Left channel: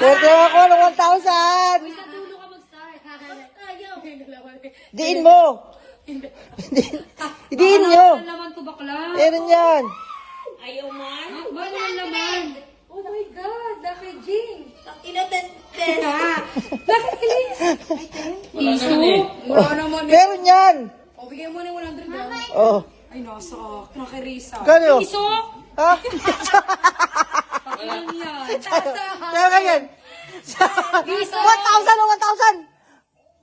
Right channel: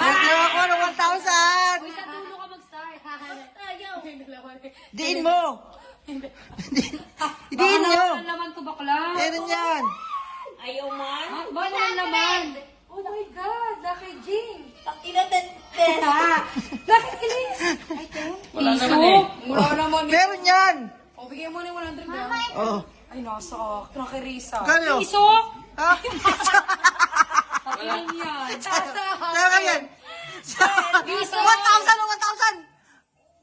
Pwede ako ng 1,000. Uy, sa dulo ka mag-start. Ayaw. Diin mo. Diin nyo. Baka naman to bakla. Meron yan. Ayaw man. Baka naman laman. Oh my God, Daki Jing. Bakit please? Piso? Wala naman. Meron yan. O, bigyan mo ni 100 na. Oh. Ay, nasa akin. Nakirisa. Kano? Piso? Ha? Takilan yan. Kaya yan. Piso? 1,000 o 1,000.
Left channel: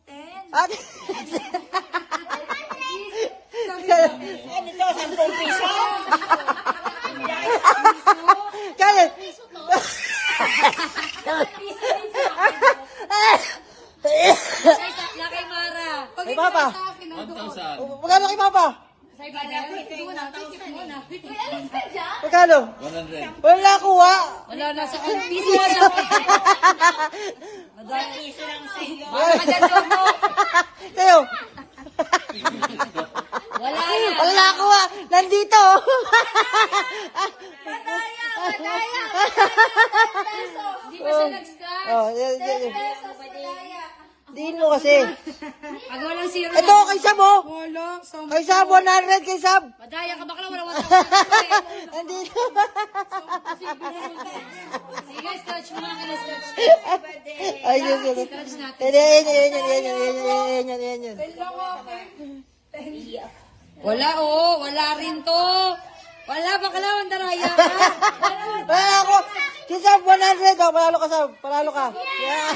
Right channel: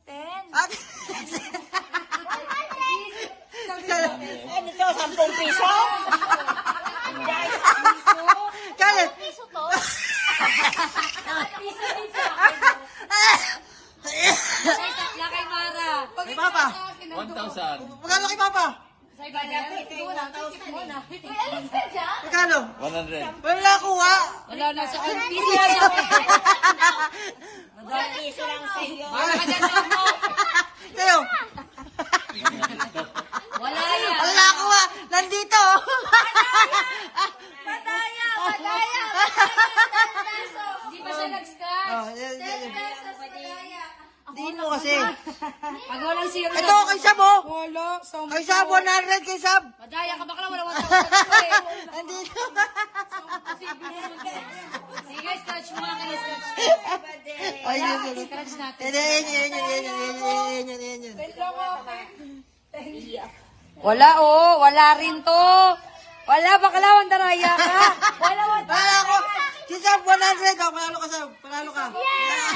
10. At... Ano to? 10 piso? Kaya. Piso to? Lakay Mara. Kay Papa. 1,000. Magkano kay Papa? Sa iba na. Magkano? 100. Wala kuha. Wala na sa piso yan. Piso lang sa iyo. Baka ka dyan mo. Kayo. Wala yan. Wala kuha. Nandito. Madaya! Hindi pa siya nag-start. Oh, yan. Pesos, madaya. Diin mo kasi. Pag walang zero Ito, kay Sab oh. Wala. Kay Sab, 100 kay Sab. Madaya ka bakla. Wala 1,000. Nandito. Sige, scratch mo. Scratch. Ay, yun. Scratch natin. Yan. Wala oh. Wala rin to. Wala. Bakla. Wandaraya ka. Wala ako. Si Sab, 100. Oh, panalo ka, Sab. Panalo ka. Yeah.